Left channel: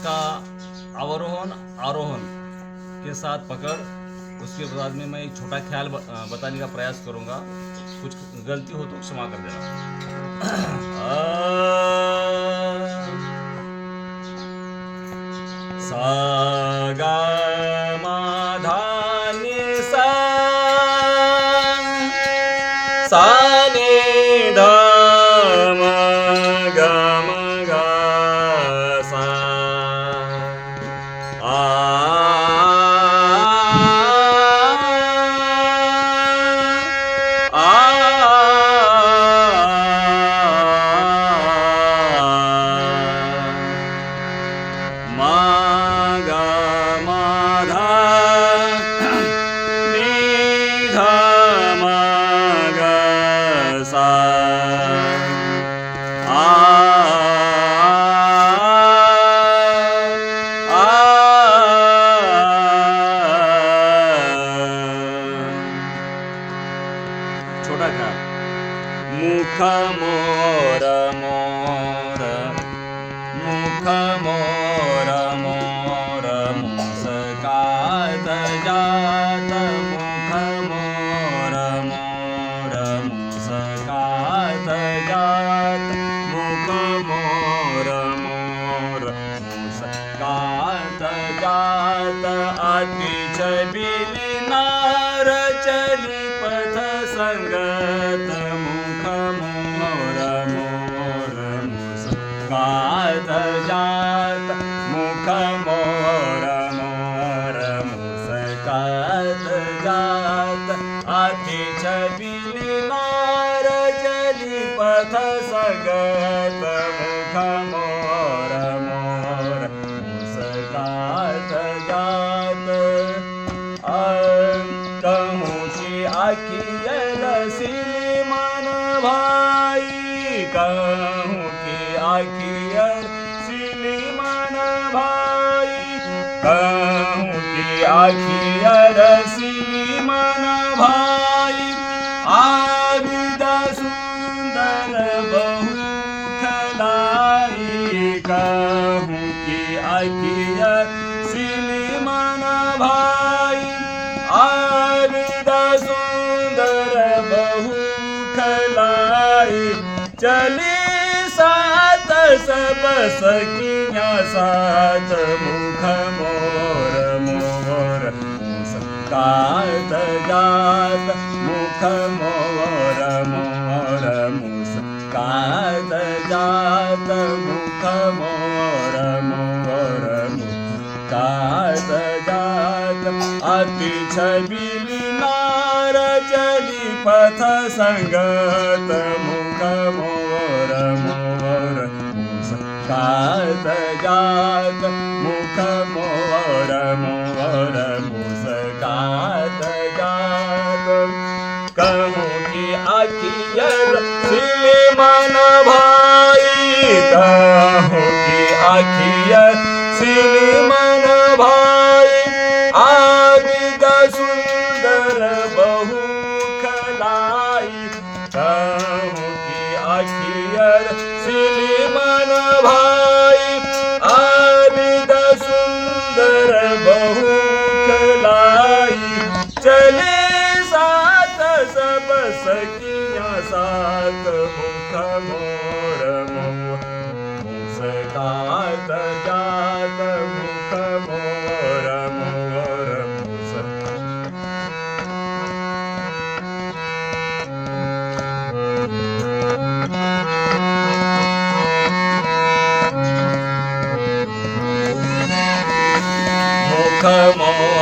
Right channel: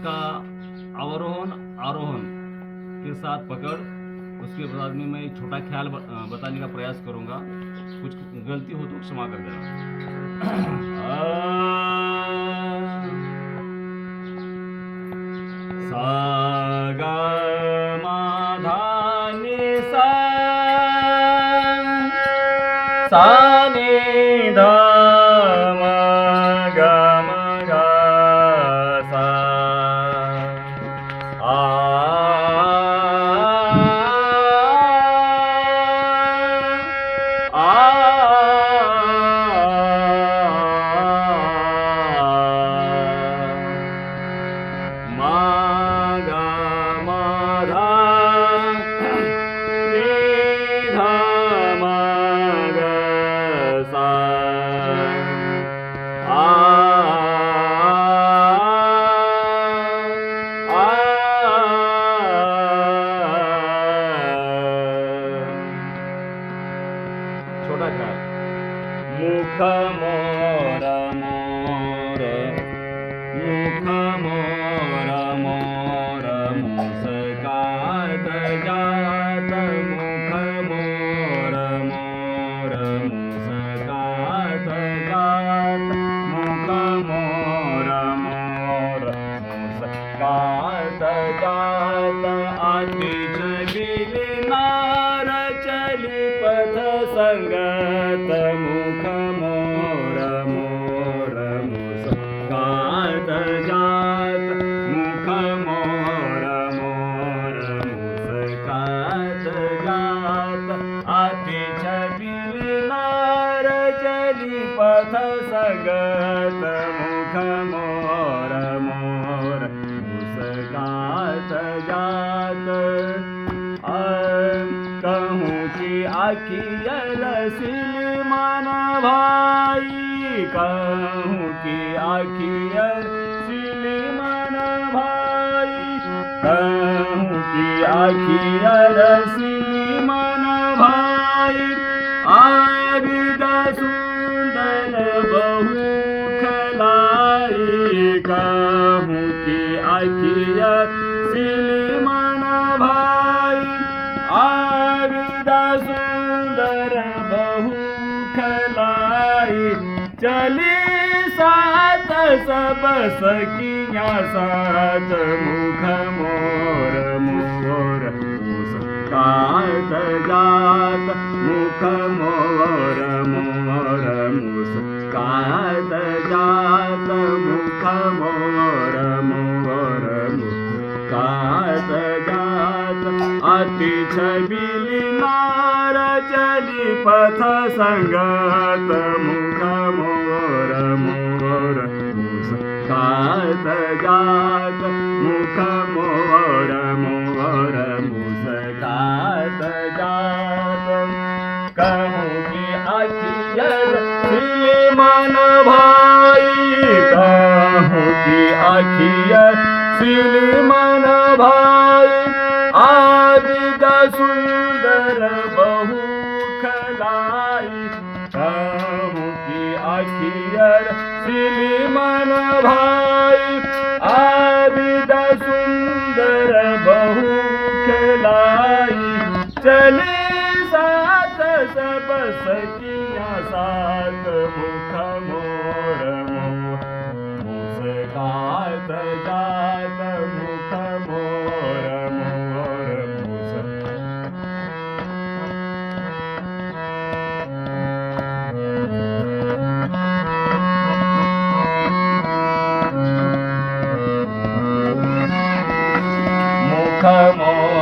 इसका अवरोहन आरोहण के साथ पकड़। उसके बाद में मैं एक छोटा ख्याल बताने का प्रयास करूंगा। कुछ गलती हो तो क्षमा कर देना। सा गा मा धा नि सा, सा नि धा म ग म ग सा, छोटा ख्याल। मुख मोर मोर, मुख मोर मोर, मुस्कात जात। मुख मोर मोर, मुस्कात जात। मुख मोर मोर, मुस्कात जात। अति चलिली नार चली पथ संगत। मुख मोर मोर, मुस्कात जात। मुख मोर मोर, मुस्कात जात। अति छबिली नार चली पथ संगत। मुख मोर मोर, मुस्कात जात। कहूँ की आखियल सिली मन भाई, कहूँ की आखियल सिली मन भाई। कहूँ की आखियल सिली मन भाई। आबिद सुंदर बहु खलाई। कहूँ की आखियल सिली मन भाई। आबिद सुंदर बहु खलाई। चली सात सब सखियाँ साथ। मुख मोर मोर, मुस्कात जात। मुख मोर मोर, मुस्कात जात। मुख मोर मोर, मुस्कात जात। अति छबिली नार चली पथ संगत। मुख मोर मोर, मुस्कात जात। मुख मोर मोर, मुस्कात जात। कहूँ की आखियल सिली मन भाई। कहूँ की आखियल सिली मन भाई। आबिद सुंदर बहु खलाई। कहूँ की आखियल सिली मन भाई। आबिद सुंदर बहु खलाई। चले साथ सब सखियाँ साथ। मुख मोर मोर, मुस्कात जात। मुख मोर मोर, मुख मोर